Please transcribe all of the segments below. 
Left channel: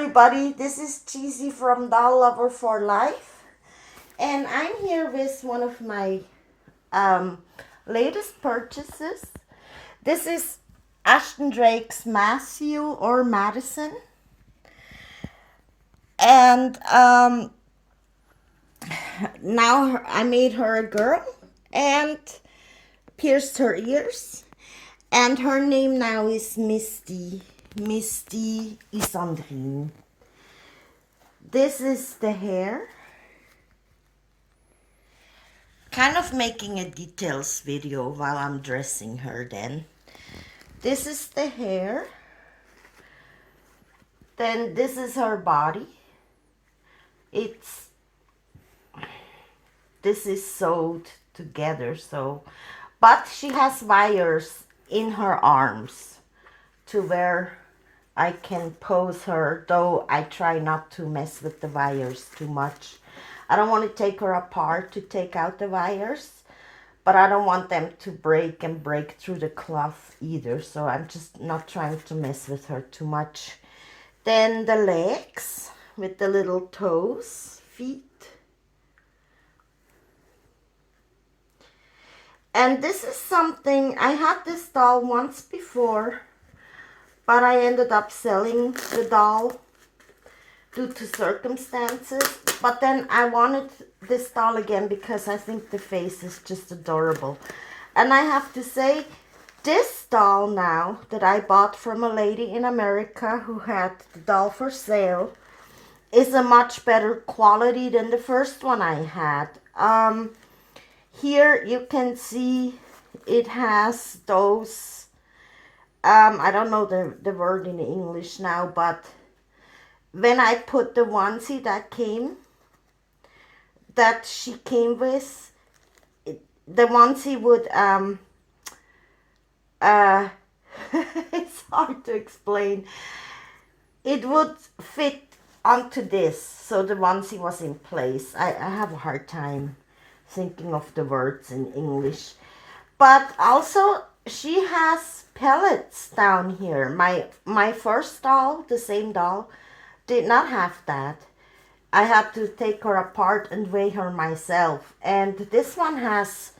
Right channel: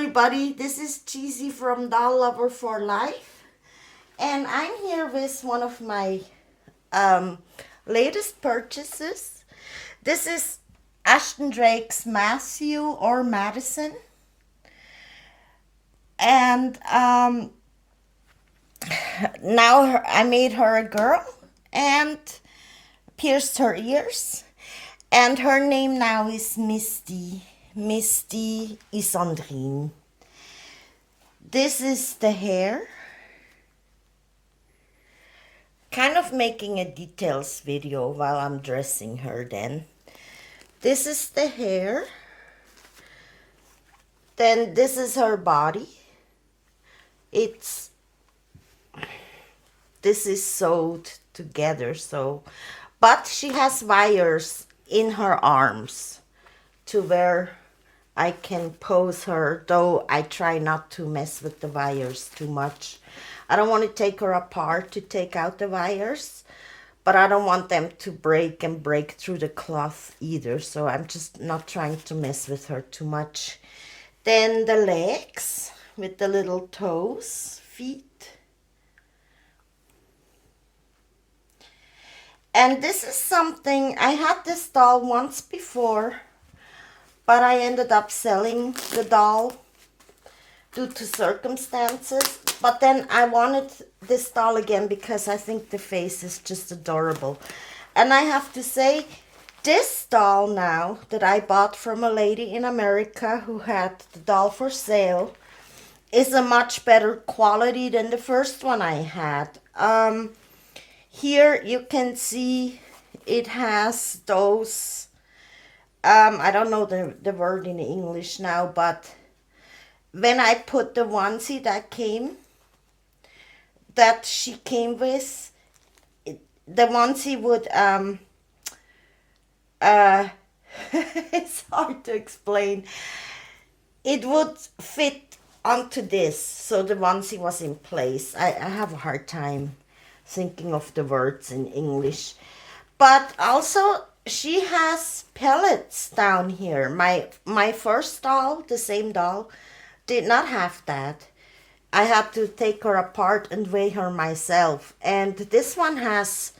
everybody, this is Cheesy from Doll Lover for Life, and I'm here with one of my latest purchases. This is Ashton Drake's Matthew or Madison, and now I made her a girl and pierced her ears, and her name now is Misty Isandrine. This is the hair. Kind of making a details video while I'm dressing her then. This is the hair. Then this is her body. This is sewed together, but she has wires in her arms to where I can pose her, though I try not to mess with the wires too much. I don't want to take her apart to take out the wires, but I don't want them to break through the cloth either, so I'm just not trying to mess with her too much. Then the legs with the little toes, feet. And this is something, I had this doll once before, but I ended up selling the doll due to circumstances. But then I wanted this doll again because I think the face is just adorable. And I have to say, this doll now that I bought from a lady in America who had the doll for sale is a much better quality than the first one I had. Here you can see it has those I don't know the word in English now, but when I put the onesie that she came with, the onesie would it's hard to explain. It would fit onto this, so the onesie was in place. I have a hard time thinking of the words in English, but also she has pellets down here. My first doll, the same doll, did not have that. I had to take her apart and weigh her myself. And this one has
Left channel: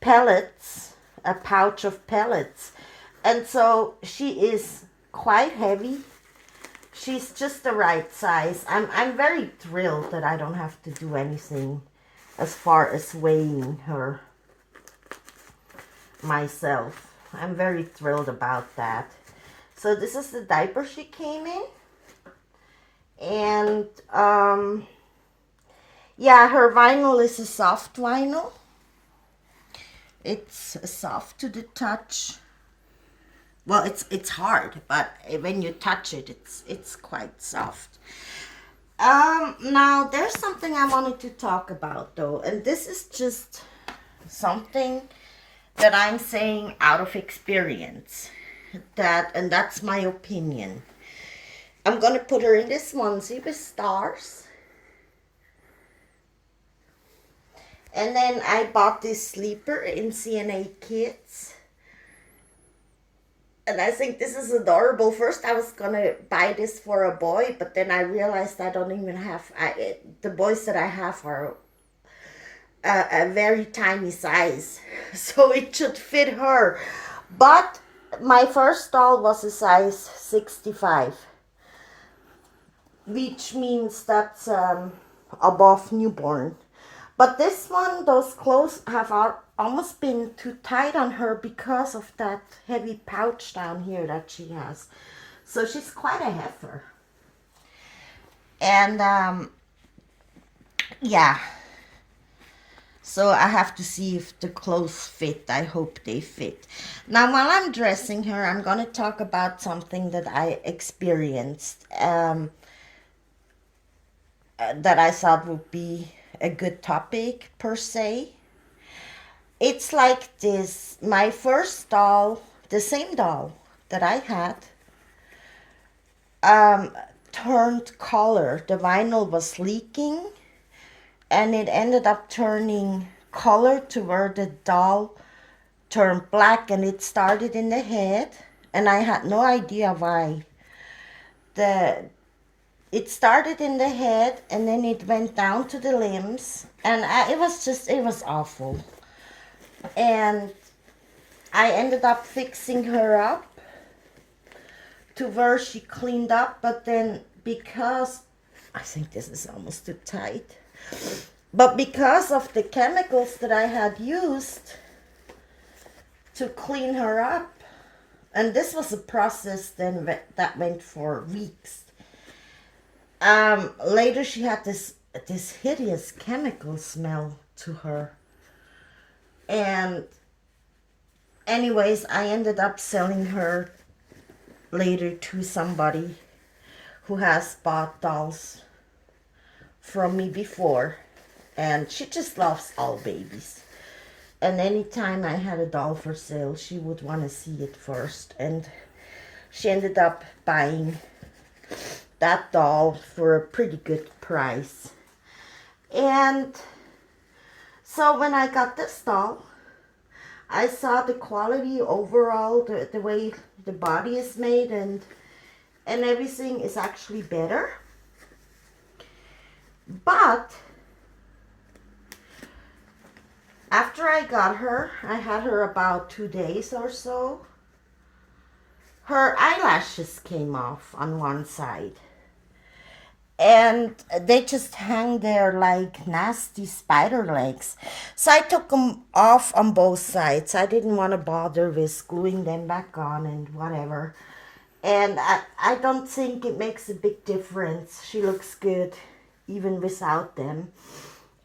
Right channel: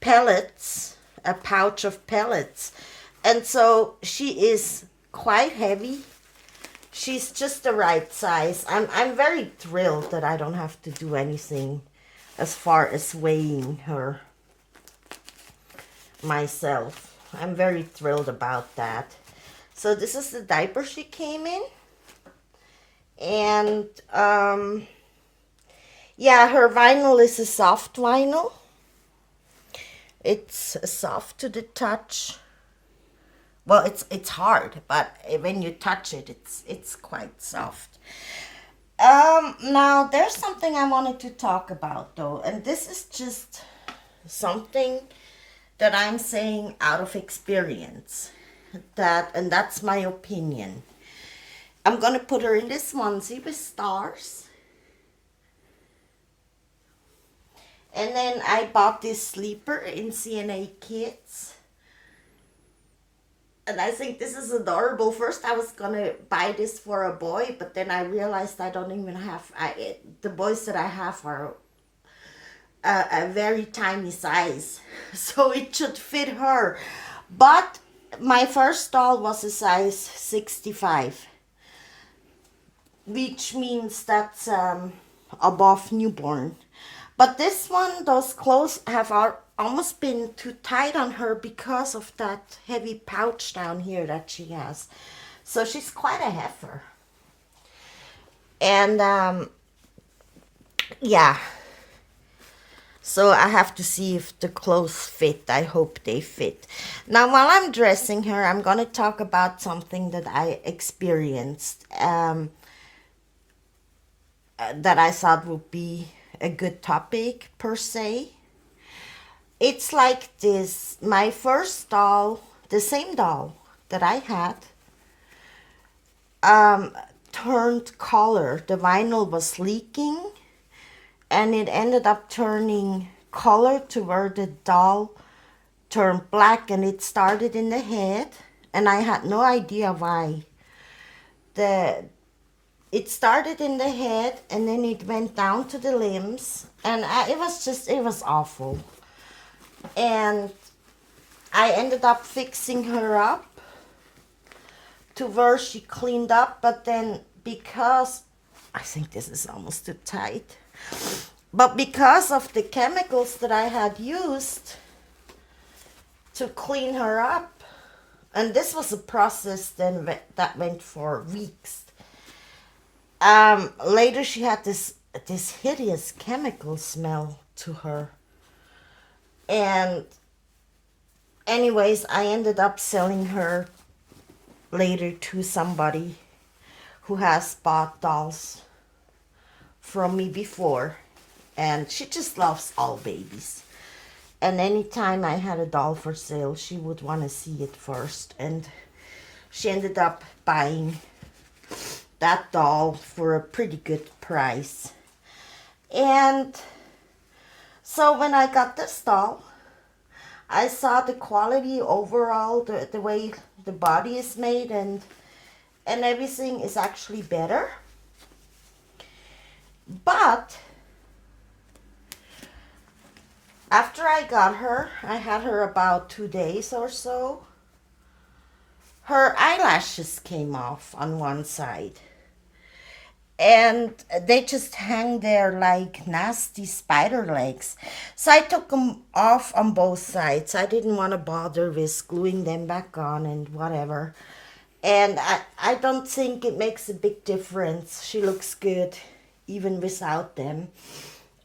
pellets, a pouch of pellets. And so she is quite heavy. She's just the right size. I'm very thrilled that I don't have to do anything as far as weighing her myself. I'm very thrilled about that. So this is the diaper she came in. And yeah, her vinyl is a soft vinyl. It's soft to the touch. Well, it's hard, but when you touch it, it's quite soft. Now there's something I wanted to talk about though, and this is just something that I'm saying out of experience. And that's my opinion. I'm gonna put her in this onesie with stars. And then I bought this sleeper in CNA Kids. And I think this is adorable. First I was gonna buy this for a boy, but then I realized I don't even have, the boys that I have are a very tiny size, so it should fit her. But my first doll was a size 65, which means that's above newborn. But this one, those clothes have almost been too tight on her because of that heavy pouch down here that she has. So she's quite a heifer. And yeah. So I have to see if the clothes fit. I hope they fit. Now, while I'm dressing her, I'm going to talk about something that I experienced that I thought would be a good topic per se. It's like this. My first doll, the same doll that I had, turned color. The vinyl was leaking. And it ended up turning color to where the doll turned black, and it started in the head. And I had no idea why. The it started in the head and then it went down to the limbs, and it was awful. And I ended up fixing her up to where she cleaned up, but then because I think this is almost too tight, but because of the chemicals that I had used to clean her up, and this was a process then that went for weeks. Later she had this hideous chemical smell to her. And anyways, I ended up selling her later to somebody who has bought dolls from me before. And she just loves all babies. And anytime I had a doll for sale, she would want to see it first. And she ended up buying that doll for a pretty good price. And so when I got this doll, I saw the quality overall, the way the body is made, and everything is actually better. But after I got her, I had her about 2 days or so, her eyelashes came off on one side. And they just hang there like nasty spider legs. So I took them off on both sides. I didn't want to bother with gluing them back on and whatever. And I don't think it makes a big difference. She looks good even without them.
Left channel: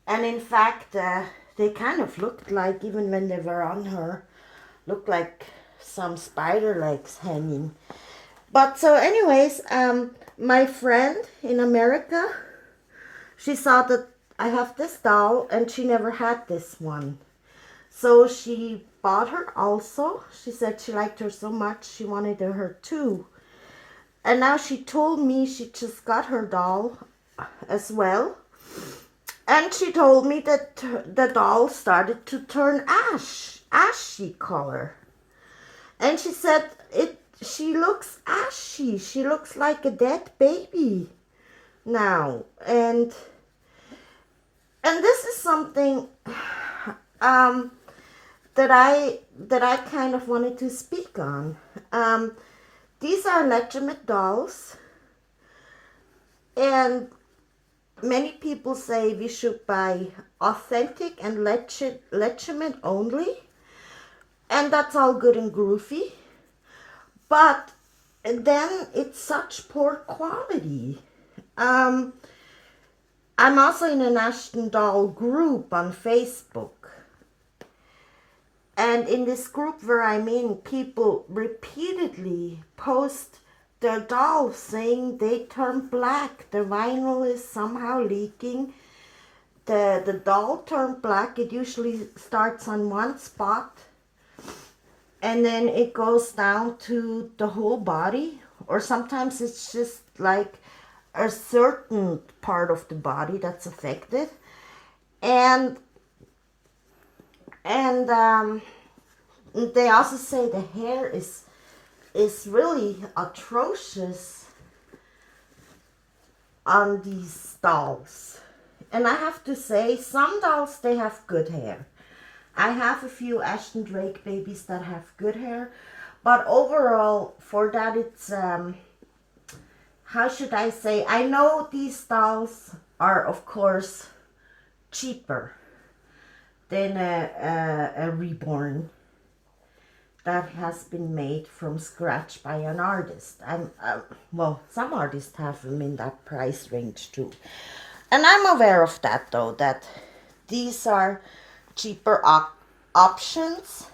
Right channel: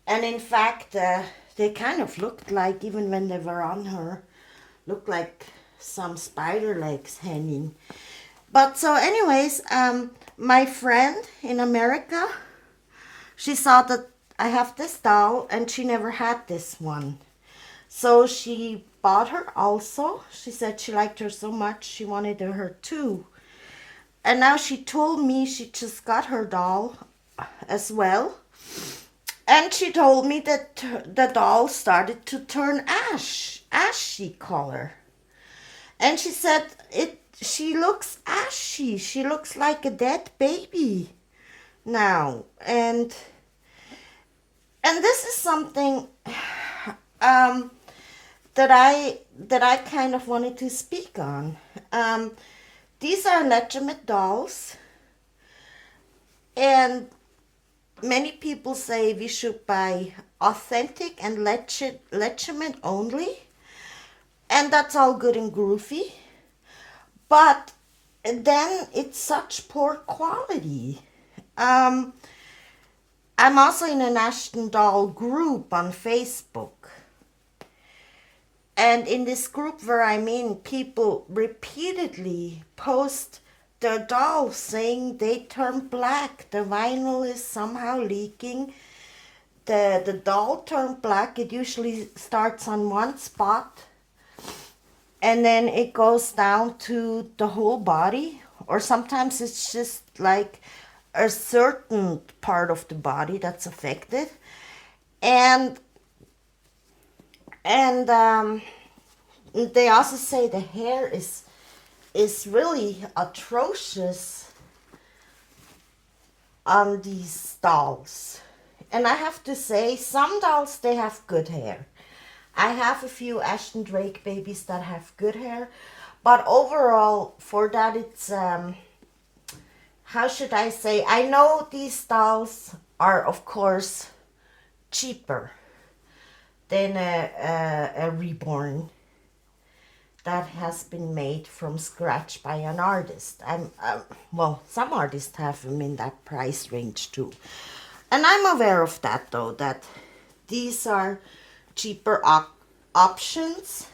And in fact, they kind of looked like, even when they were on her, looked like some spider legs hanging. But so anyways, my friend in America, she saw that I have this doll and she never had this one. So she bought her also. She said she liked her so much she wanted her too. And now she told me she just got her doll as well. And she told me that the doll started to turn ashy color. And she said she looks ashy. She looks like a dead baby now. And this is something that I kind of wanted to speak on. These are legitimate dolls, and many people say we should buy authentic and legitimate only, and that's all good and groovy. But then it's such poor quality. I'm also in an Ashton doll group on Facebook. And in this group where I'm in, people repeatedly post their dolls saying they turn black. The vinyl is somehow leaking. The doll turned black. It usually starts on one spot, and then it goes down to the whole body, or sometimes it's just like a certain part of the body that's affected. And they also say the hair is really atrocious on these dolls. And I have to say, some dolls, they have good hair. I have a few Ashton Drake babies that have good hair, but overall, for that, it's, how should I say, I know these dolls are, of course, cheaper than a reborn that has been made from scratch by an artist. Well, some artists have them in that price range too. And I'm aware of that, though, that these are cheaper options,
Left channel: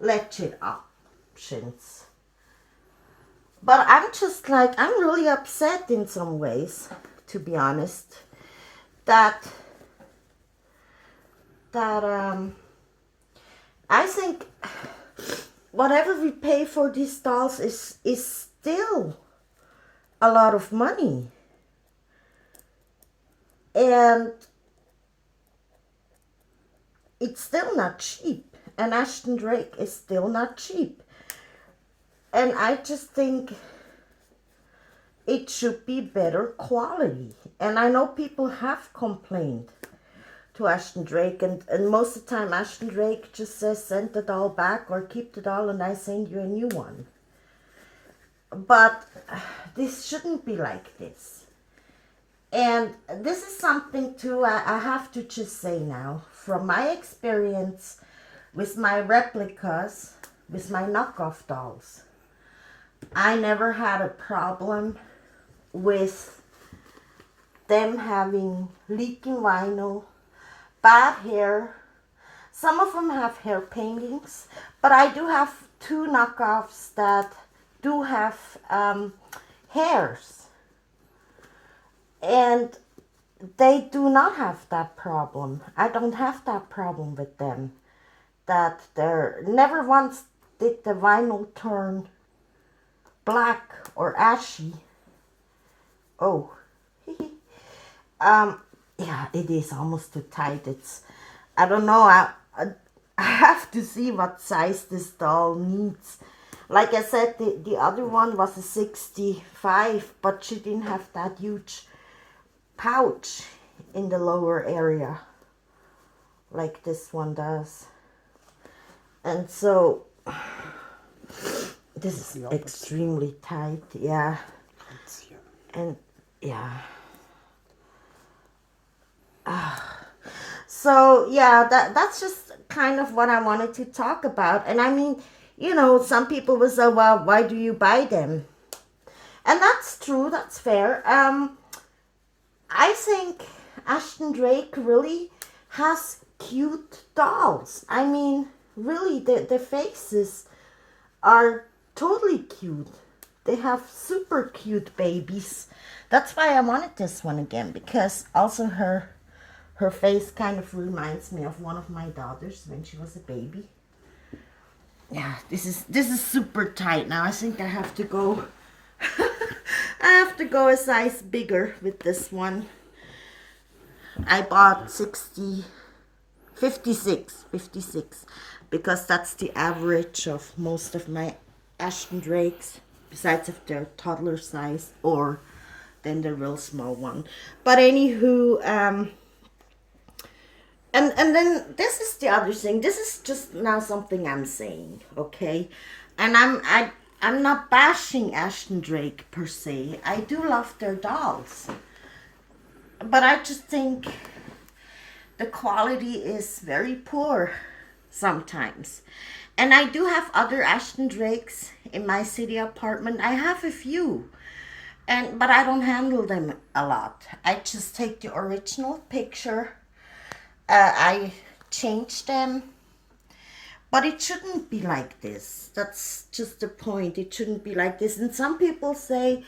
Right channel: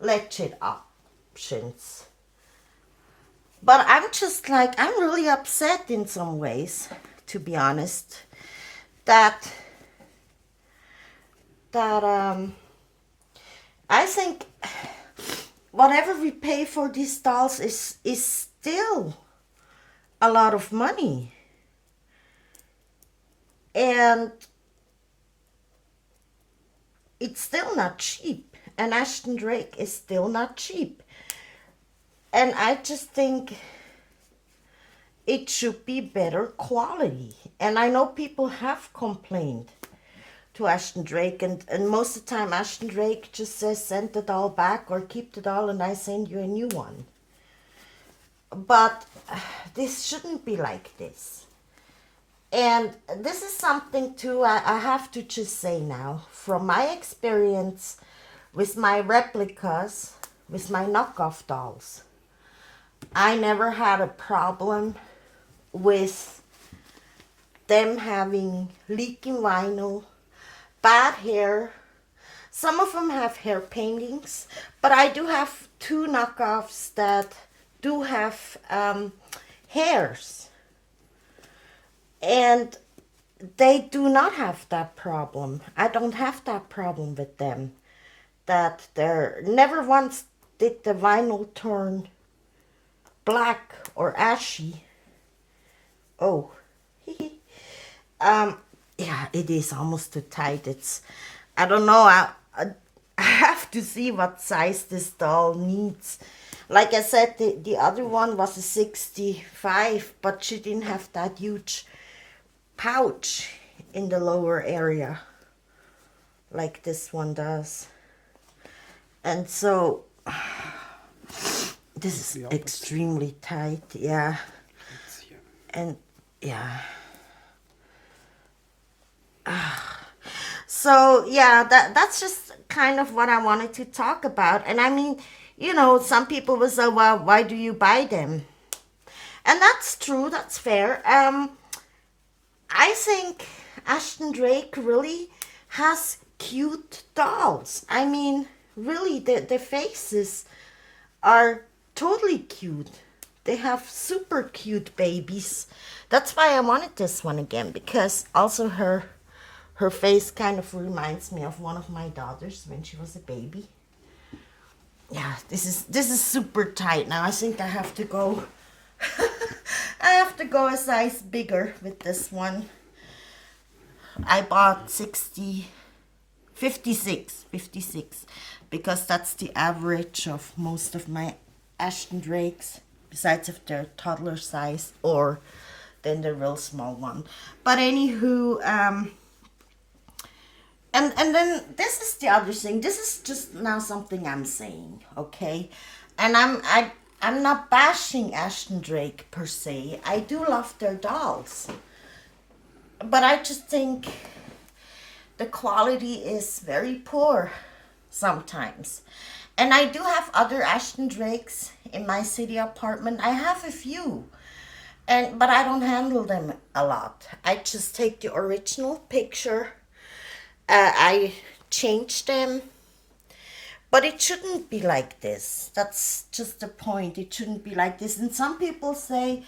legit options. But I'm just like, I'm really upset in some ways, to be honest, that I think whatever we pay for these dolls is still a lot of money. And it's still not cheap. And Ashton Drake is still not cheap. And I just think it should be better quality. And I know people have complained to Ashton Drake, and most of the time Ashton Drake just says send the doll back or keep the doll and I send you a new one. But this shouldn't be like this. And this is something too I have to just say now, from my experience with my replicas, with my knockoff dolls, I never had a problem with them having leaking vinyl, bad hair. Some of them have hair paintings, but I do have two knockoffs that do have hairs. And they do not have that problem. I don't have that problem with them. That they're never once did the vinyl turn black or ashy. Oh, yeah, it is almost too tight. I don't know. I have to see what size this doll needs. Like I said, the other one was a 65, but she didn't have that huge pouch in the lower area like this one does. And so this is extremely tight, yeah. And yeah. So yeah, that's just kind of what I wanted to talk about. And I mean, you know, some people will say, well, why do you buy them? And that's true, that's fair. I think Ashton Drake really has cute dolls. I mean, really, the faces are totally cute. They have super cute babies. That's why I wanted this one again, because also her face kind of reminds me of one of my daughters when she was a baby. Yeah, this is super tight now. I think I have to go I have to go a size bigger with this one. I bought 56 because that's the average of most of my Ashton Drakes, besides if they're toddler size or then the real small one. But anywho, and then this is the other thing. This is just now something I'm saying, okay? And I'm not bashing Ashton Drake per se. I do love their dolls. But I just think the quality is very poor sometimes. And I do have other Ashton Drakes in my city apartment. I have a few. But I don't handle them a lot. I just take the original picture. I change them. But it shouldn't be like this. That's just the point. It shouldn't be like this. And some people say,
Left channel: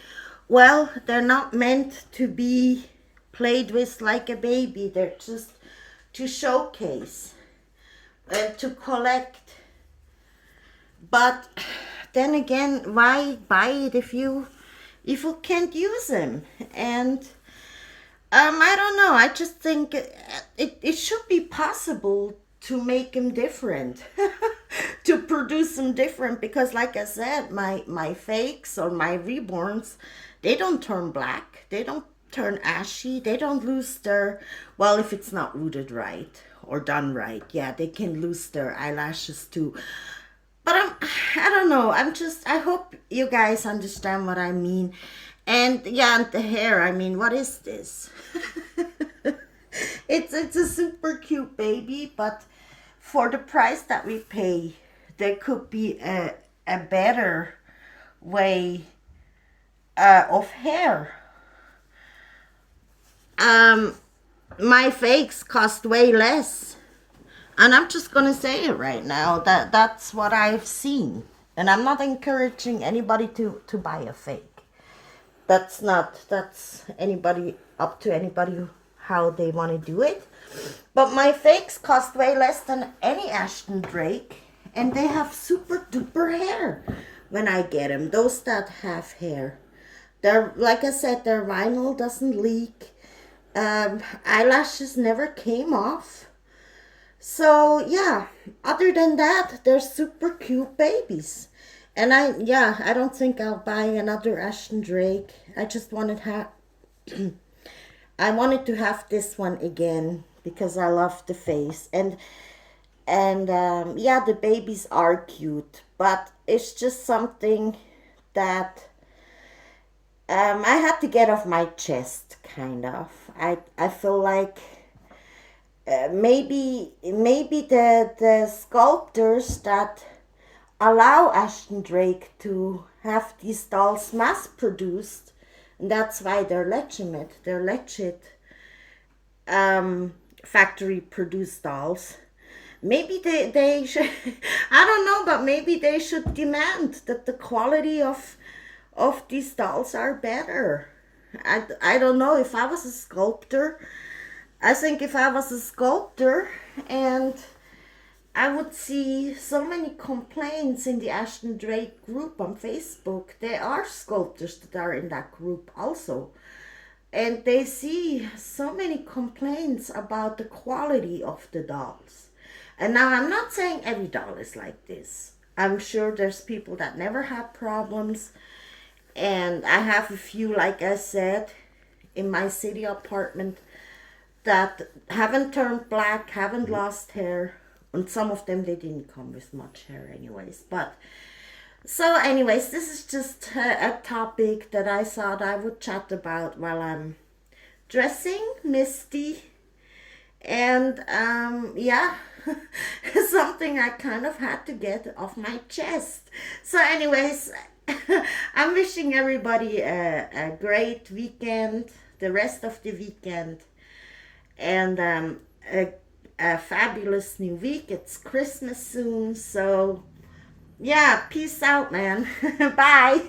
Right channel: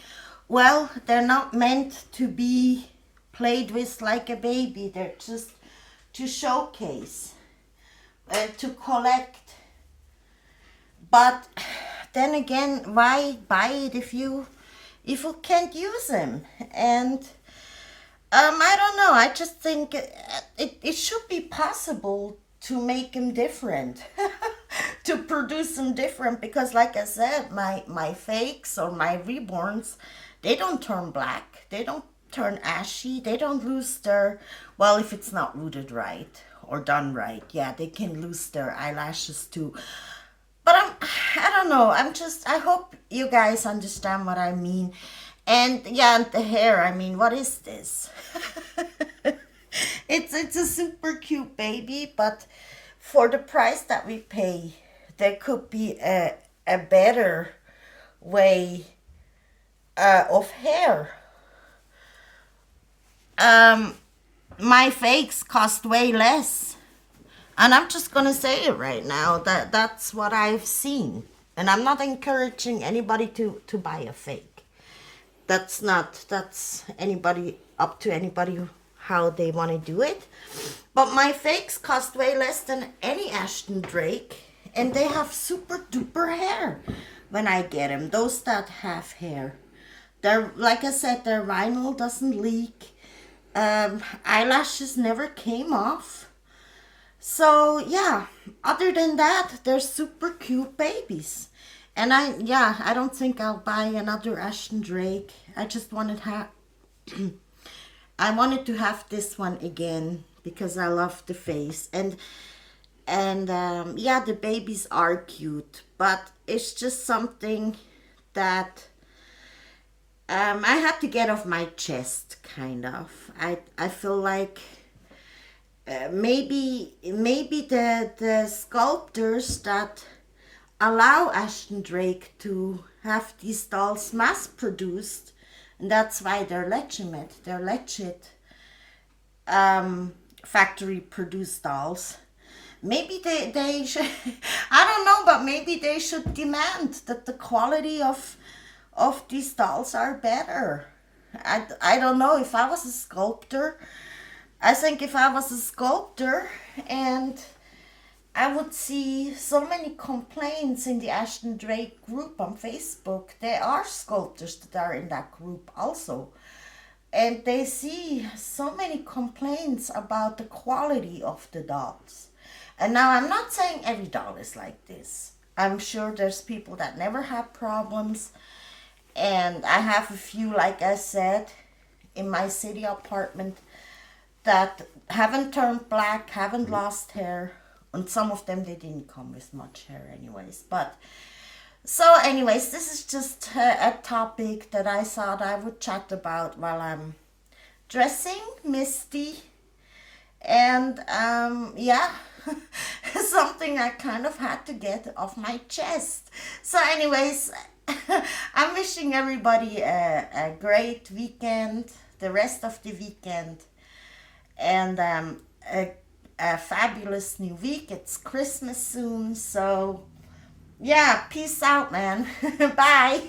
well, they're not meant to be played with like a baby. They're just to showcase, to collect. But then again, why buy it if you can't use them? And I don't know. I just think it should be possible to make them different, to produce them different. Because like I said, my fakes or my reborns, they don't turn black. They don't turn ashy. They don't lose their, well, if it's not rooted right or done right, yeah, they can lose their eyelashes too. But I don't know. I hope you guys understand what I mean. And yeah, and the hair, I mean, what is this? It's a super cute baby, but for the price that we pay, there could be a better way of hair. My fakes cost way less. And I'm just going to say it right now, that's what I've seen. And I'm not encouraging anybody to buy a fake. That's anybody, up to anybody how they want to do it. But my fakes cost way less than any Ashton Drake. And they have super duper hair when I get them. Those that have hair. They're, like I said, their vinyl doesn't leak. Eyelashes never came off. So yeah, other than that, they're super cute babies. And I don't think I'll buy another Ashton Drake. I just I wanted to have this one again because I love the face. And yeah, the babies are cute, but it's just something that I had to get off my chest, kind of. I feel like maybe the sculptors that allow Ashton Drake to have these dolls mass produced, and that's why they're legitimate. They're legit factory produced dolls. Maybe they should, I don't know, but maybe they should demand that the quality of these dolls are better. I don't know. If I was a sculptor, I think if I was a sculptor and I would see so many complaints in the Ashton Drake group on Facebook. There are sculptors that are in that group also. And they see so many complaints about the quality of the dolls. And now I'm not saying every doll is like this. I'm sure there's people that never have problems. And I have a few, like I said, in my city apartment that haven't turned black, haven't lost hair. And some of them, they didn't come with much hair anyways. But, so anyways, this is just a topic that I thought I would chat about while I'm dressing Misty. And, yeah, something I kind of had to get off my chest. So anyways, I'm wishing everybody a great weekend, the rest of the weekend. And a fabulous new week. It's Christmas soon, so yeah, peace out, man. Bye.